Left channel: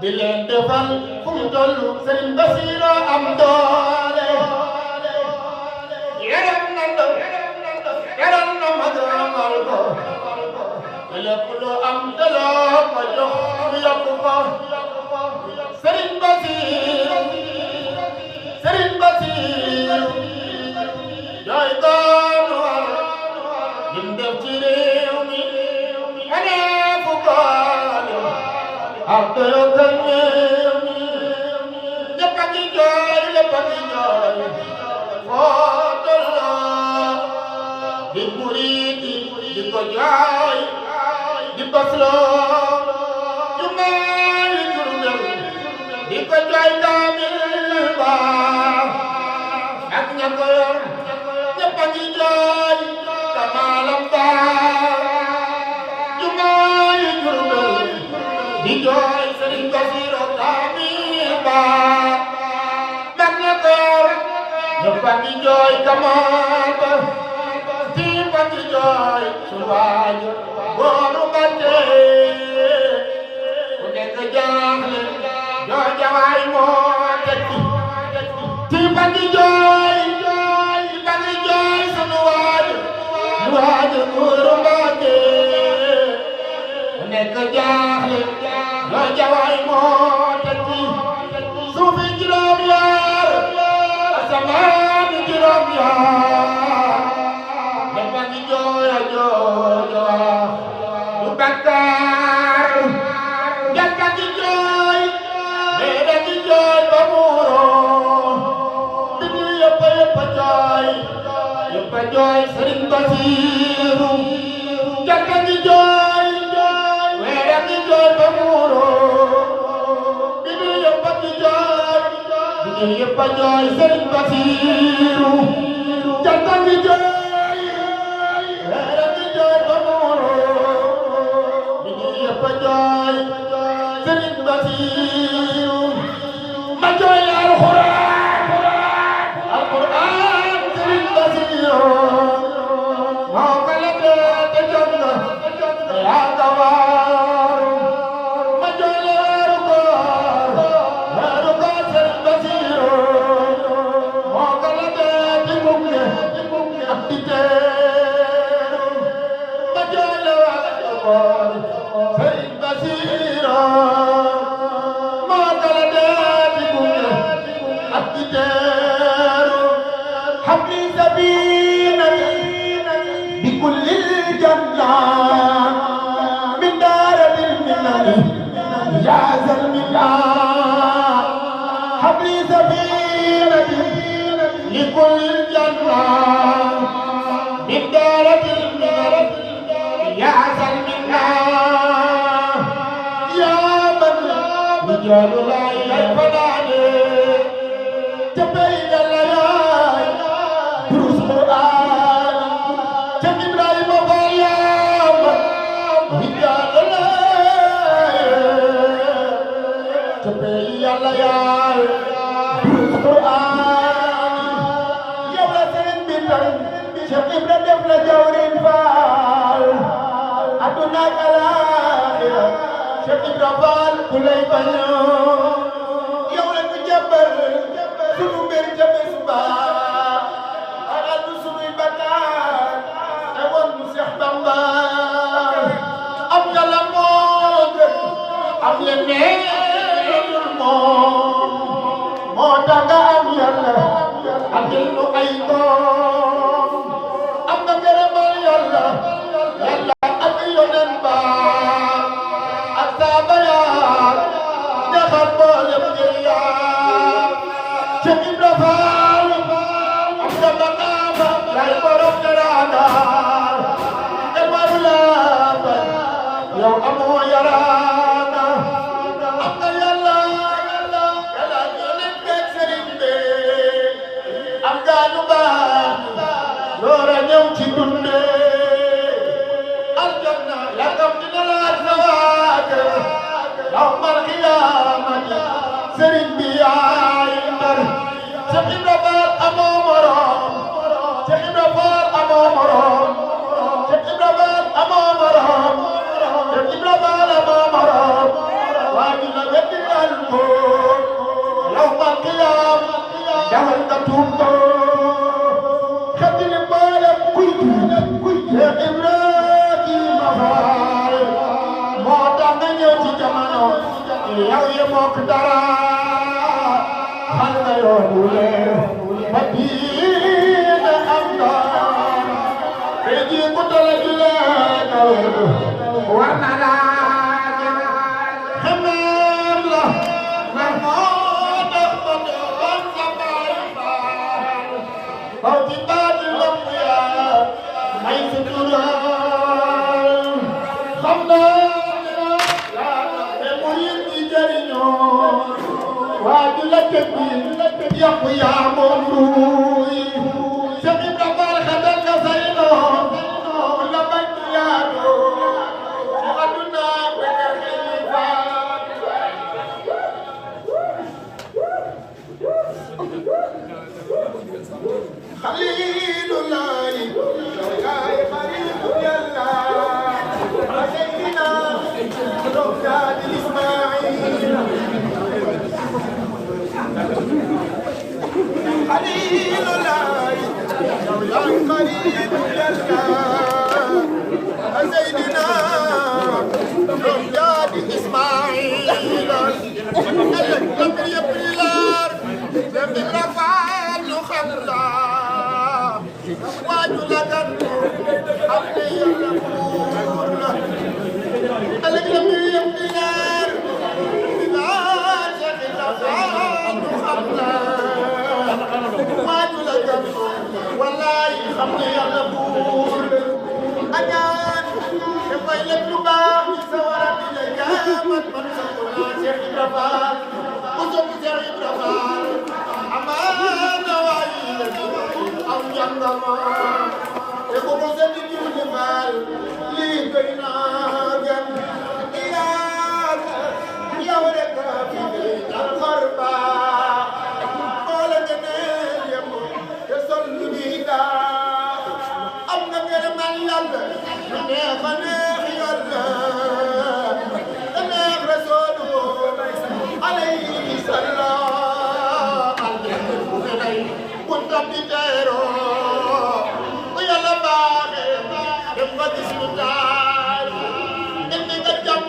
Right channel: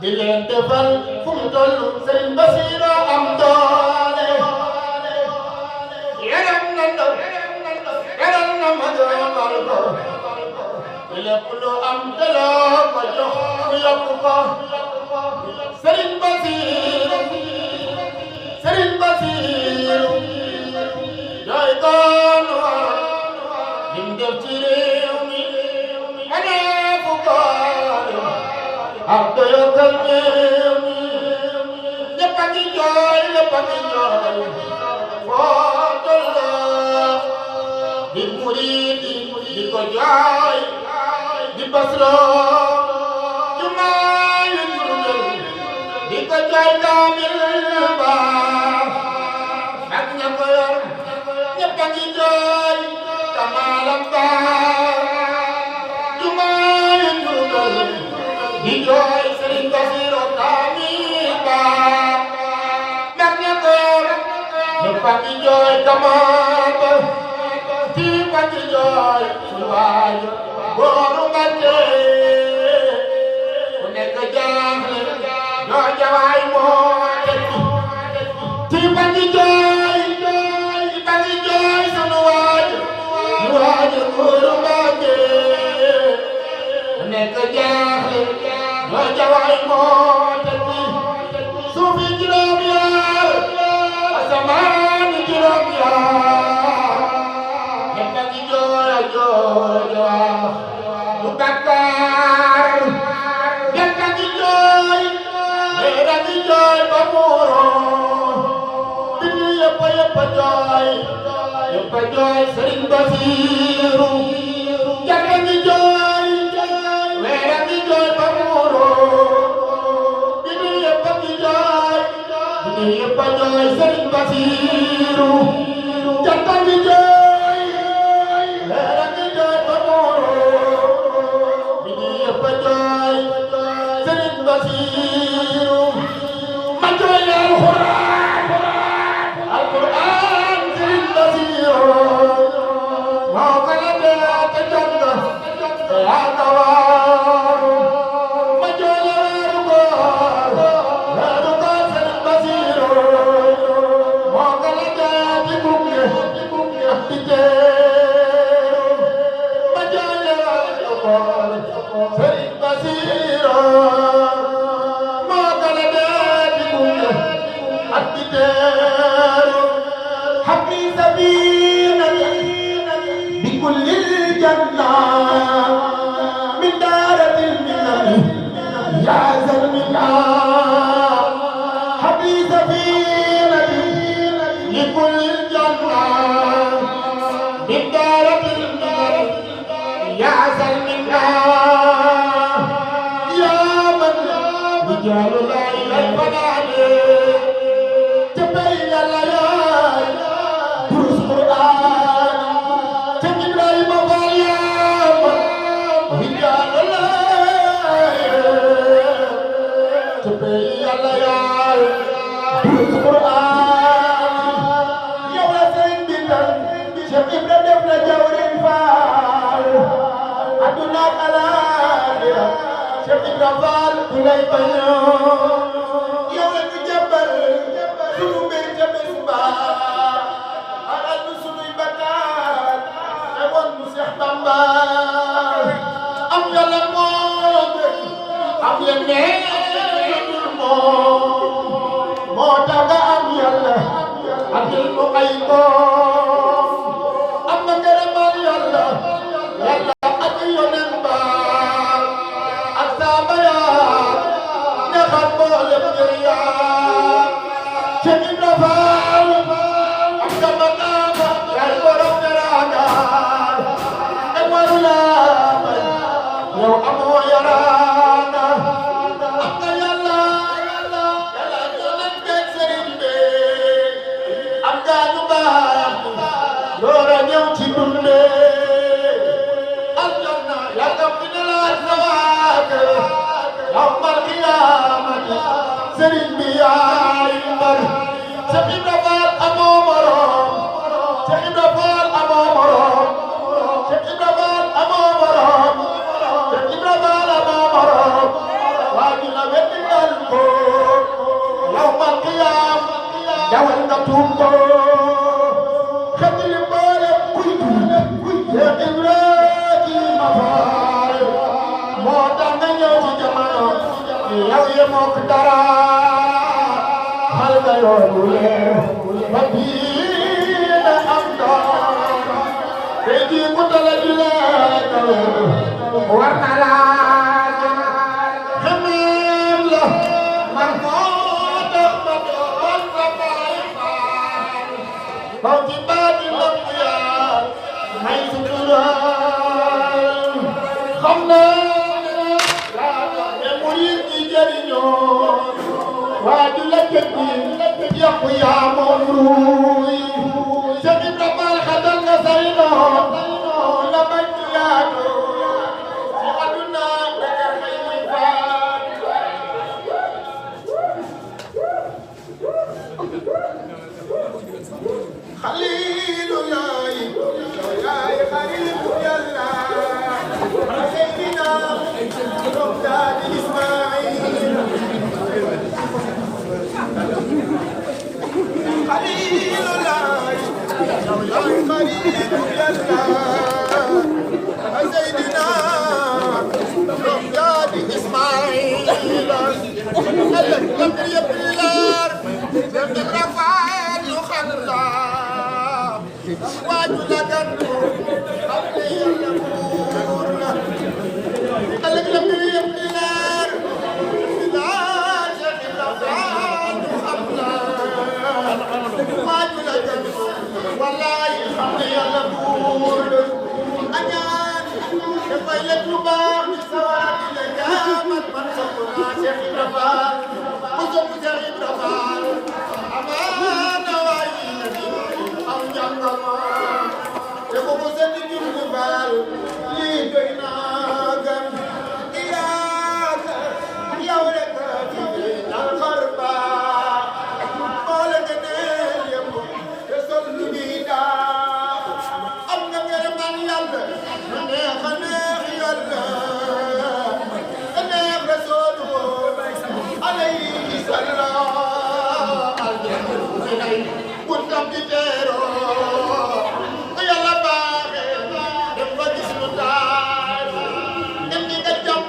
di leen defal fu mu tollu Sëriñ Basiru am doole yaram na ndaw yaram na mag amal ko lépp lu am daloo ko jox mu yokku ko Sëriñ Basiru Sëriñ Basiru jooy goonu war lim def ci réew mi anee fu ko ak doyakal réew mi ñëpp a ngi jooy lépp a ngi jooy foo tolloo di murid di ko jooy di basloo jumaa yi Jurbel di ko jooy kaamil ba ak ña ko yor ñëpp a ngi jooy kamaalam ba jumaa yi Jurbel di jooy Sëriñ Basiru kaamil ba ak ña ko yor ñëpp a ngi jooy kamaal ba tiip a ngi jooy su waaju góoru Mbàkke ku nekk jaaxle ñoo jawaay moo tekki tiip a ngi jooy tiip a ngi jooy sunu waaju góoru Mbàkke ku nekk jaaxle ñoo jawaay moo tekki suufi juróom yaar asamaan juróom yaar ñëpp a ngi jooy jooy bu Bakkaar ñëpp a ngi jooy mais a ngi jooy ba muuroo bindu yëpp a jooy yëpp a jooy Sëriñ Basiru ñëpp a ngi jooy mais a ngi jooy ba muuroo bindu yëpp a ngi jooy bindu yëpp a jooy Sëriñ Basiru ñëpp a ngi jooy Sëriñ Basiru ma jooy la alxuraan Sëriñ Basiru moo ko lebee te jot na te yaa ko waaru ma jooy la weeru koor Sëriñ Basiru moo ko lebee te gunge ak di teeru ma jooy la weeru koor Sëriñ Basiru moo ko lebee te gunge ak di teeru habli sabinati bi kullil janna min daaratil minani yaa zalmina habli sabinati bi kullil janna min daaratil minani yaa zalmina yaa man rijaalu laa yalfanaani jabay yàlla yaay durus Qur'aan ca Ibrahima Faal yaam rijaalu laa jabay yàlla yaay durus Qur'aan yow la seen bintal Cheikh Ibra def la jawrin Faal aduna ak alaaxira Cheikh Ibra Faal ku lay bañoo yow la ñu jàppal sunu mbir ca bés ba alal du sunuy bakkaar te woon mu Seex Bamba am yàlla moo gën am yeneen moo tax nga am yàlla andil mu ay doom am nga ngërëmal yàlla ak yoneen ba ak saaba yaa neexal mboolem ngir yaa Cheikh Ibra Faal am nga maqaama yaay borom teraanga kenn waru laa bañ yow amoo yaraanga am nga yàlla yoneen beeg sëriñ bi am nga ñu baax loora ñëw ci dunde aljanna yàggam dina laaj la waate yawmal qiyaamati sëriñ bi yaay ndar Cheikh Ibra Faal amoo morom Cheikh Ibra Faal amoo morom Cheikh Ibra Faal amoo morom Cheikh Ibra Faal amoo morom waa dina wetti yàlla ko yawmal qiyaam dawal nga tuub ko xetli mboolem kuy Cheikh Ibrahima Fall moo tax nga ñëw ci jamono yow yemoo ko dara xal nga yoonu leer ba bii am doon tey jii ku tala di leen war na laa xemeem la man moo tax ma doon sa baay faal baw ci baati lamp yaa may sutural xam naa ne murid yi jëriñoo waa ju la tekki yàqu yaa moom ruuy Cheikh Ibra Fall xatal nga say doom la bañ yaatoo ci aduna wala may faat Xaliilulaay yow yaay xaritu Yàlla Seydina Roxdaadi Ismaayil Xaliilulaay yow yaay xaritu Yàlla Seydina Roxdaadi Ismaayil ëllëg yëpp di leer Cheikh Ibra Fall ñu xam la waaju la gàttu xam ne Yàlla buur la ëllëg yëpp di leer Cheikh Ibra Fall ñu xam la waaju la gàttu wallaay xam ne Yàlla buur añaan dafay lekk lu baax di sawara di la jaamat man sopp naa Cheikh Ibra Fall mu sopp Cheikh Ibra Fall amaana waayi la di am jàngama te ko ko seeti jur di Fall lii doy naa gën iyaaka yow rek fi dal xar baax moo la gëneel yëpp te sol lu di daa am nga ngërëmal Yàlla lu neex a neex Yàlla a neex Rasuulu alayhi salaam aljanna bu fi lay buntam di teeroo bu Yàlla baaxee dem nga gis lu taay indi nga jàmm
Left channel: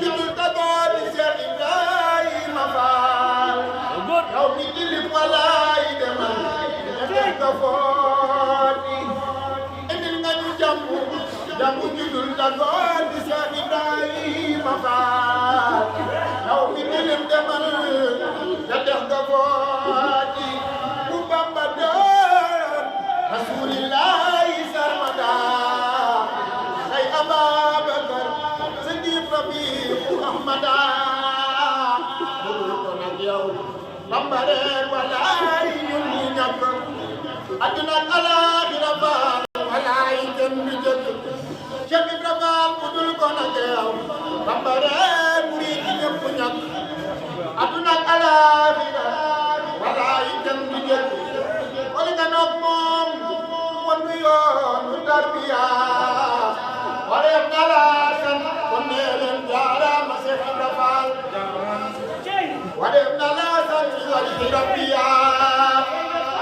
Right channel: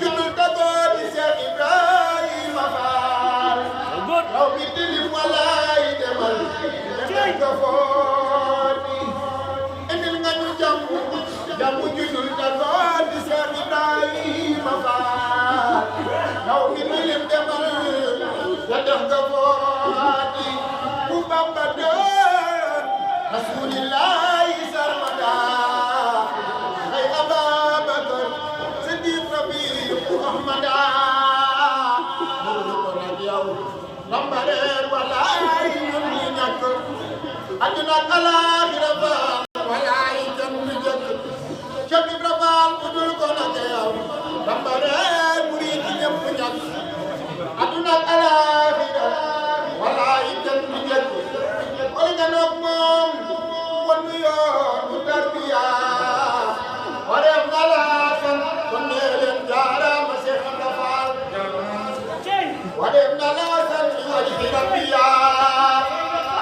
jullul dagoo di Cheikh Ibrahima Fall yow mi dilim walaay demal nga ko footi indil nga ñu jàmm jullul dagoo di Cheikh Ibrahima Fall yow mi dilim demal nga ko footi bu Bamba doon rasulillahi sarmada ay Ababakar Sadiq Rabiu Ahmada ko nag yow Bamba reer walaay ñun ñi ñàkk àdduna ak alaaxira Fall walaay dem bi jëkk Cheikh Ibra Fall bu dul ko nag yow Bamba reer murid yi ñëpp ñàkk àdduna ak alaaxira walaay dem bi jëkk koy ganoog moom wan yoonu tarbiya wareem ngalaasan kon nee leen jaaraama Cheikh Ibra Fall wareem ngalaasan wajhi rabbiya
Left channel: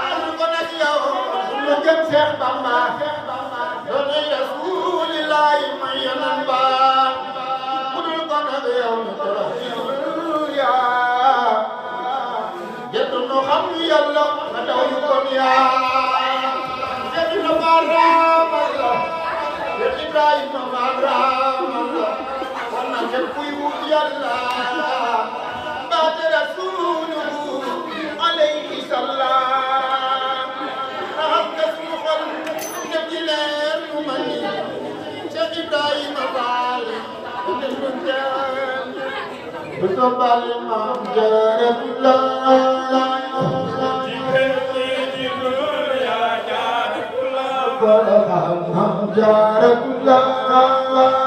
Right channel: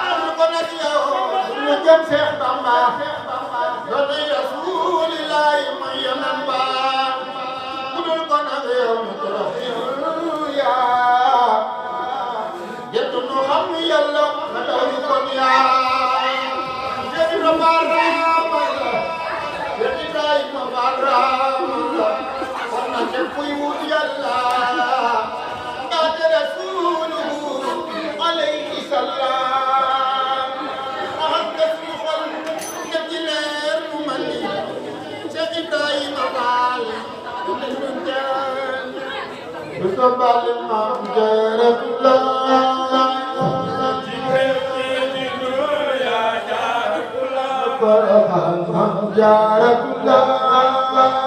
am ko nag yow ñu gëm Cheikh Bamba doone rasulillahi may yanan ba ku dul ko nag yow ñu torox ya gettu nu xam Yàlla ma daw ñu kon yaa Cheikh Ibra Fall raamala Cheikh Ibrahima Fall raamala kon nag képp kuy wut Yàlla mbaate rasuulu alayhi salaam raxas nga suñu xol ne ci leer nu mandi Cheikh Ibrahima Fall dana ñu jaan du ko bale maam jaaratullaah Jaratullah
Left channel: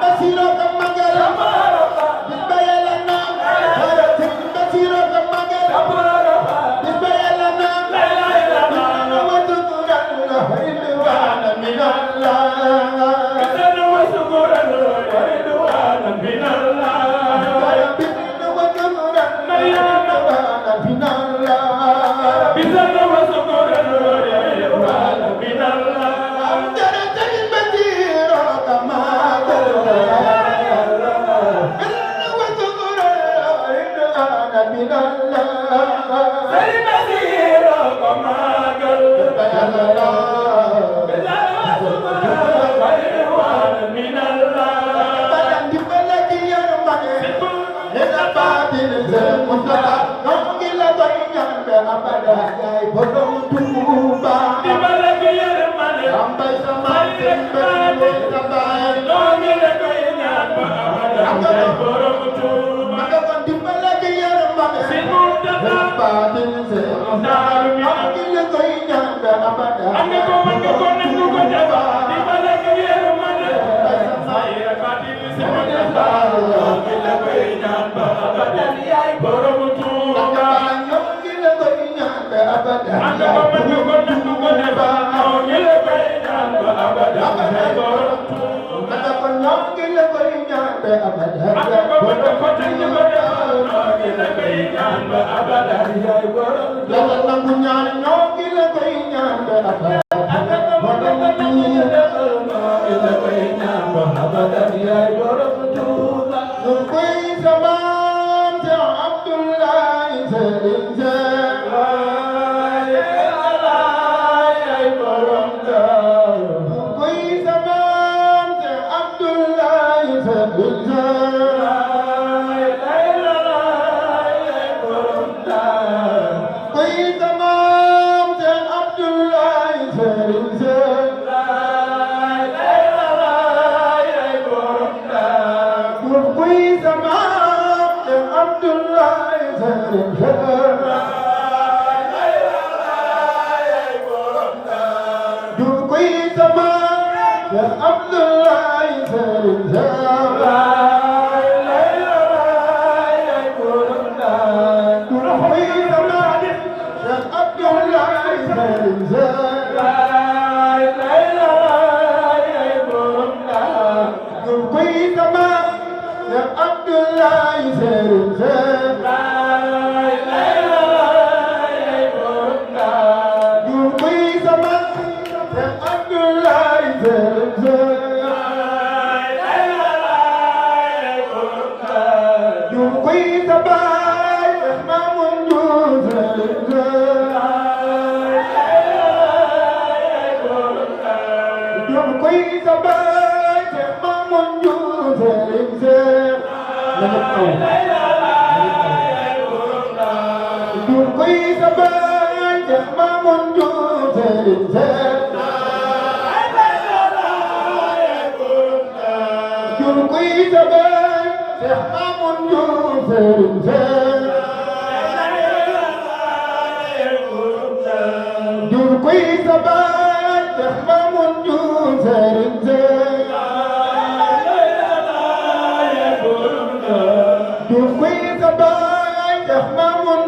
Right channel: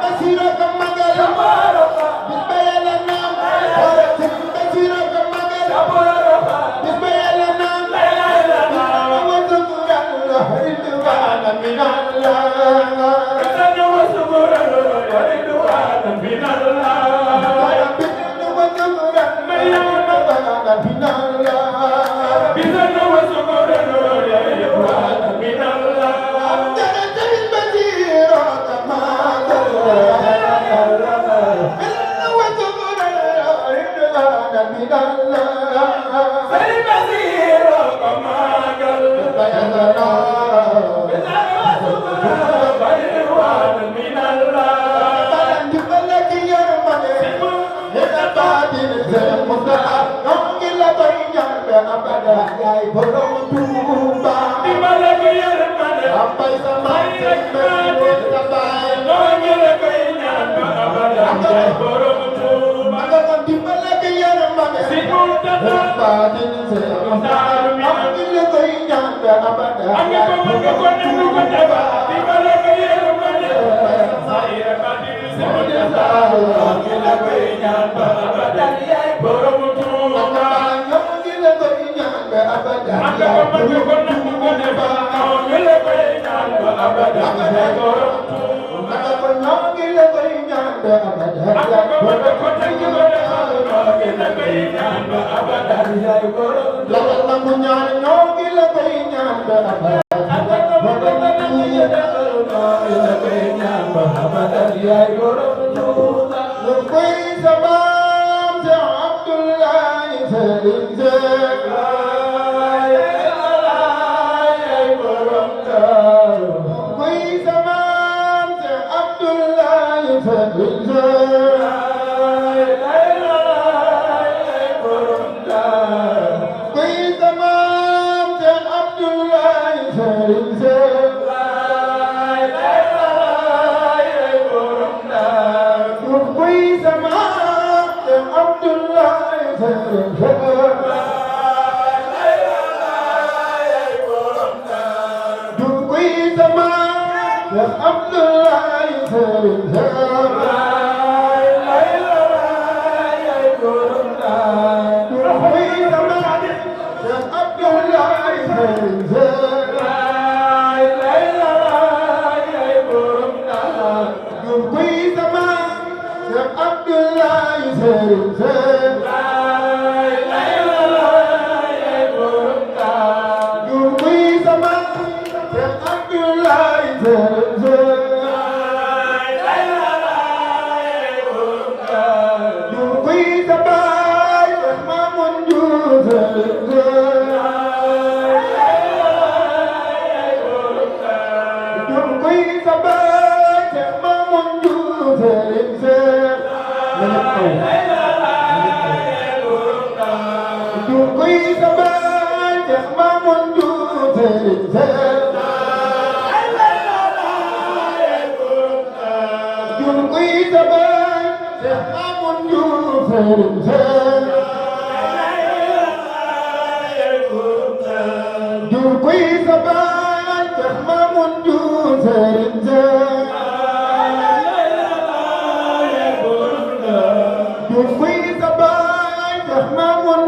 Basiro Queen the boy, the Mamun,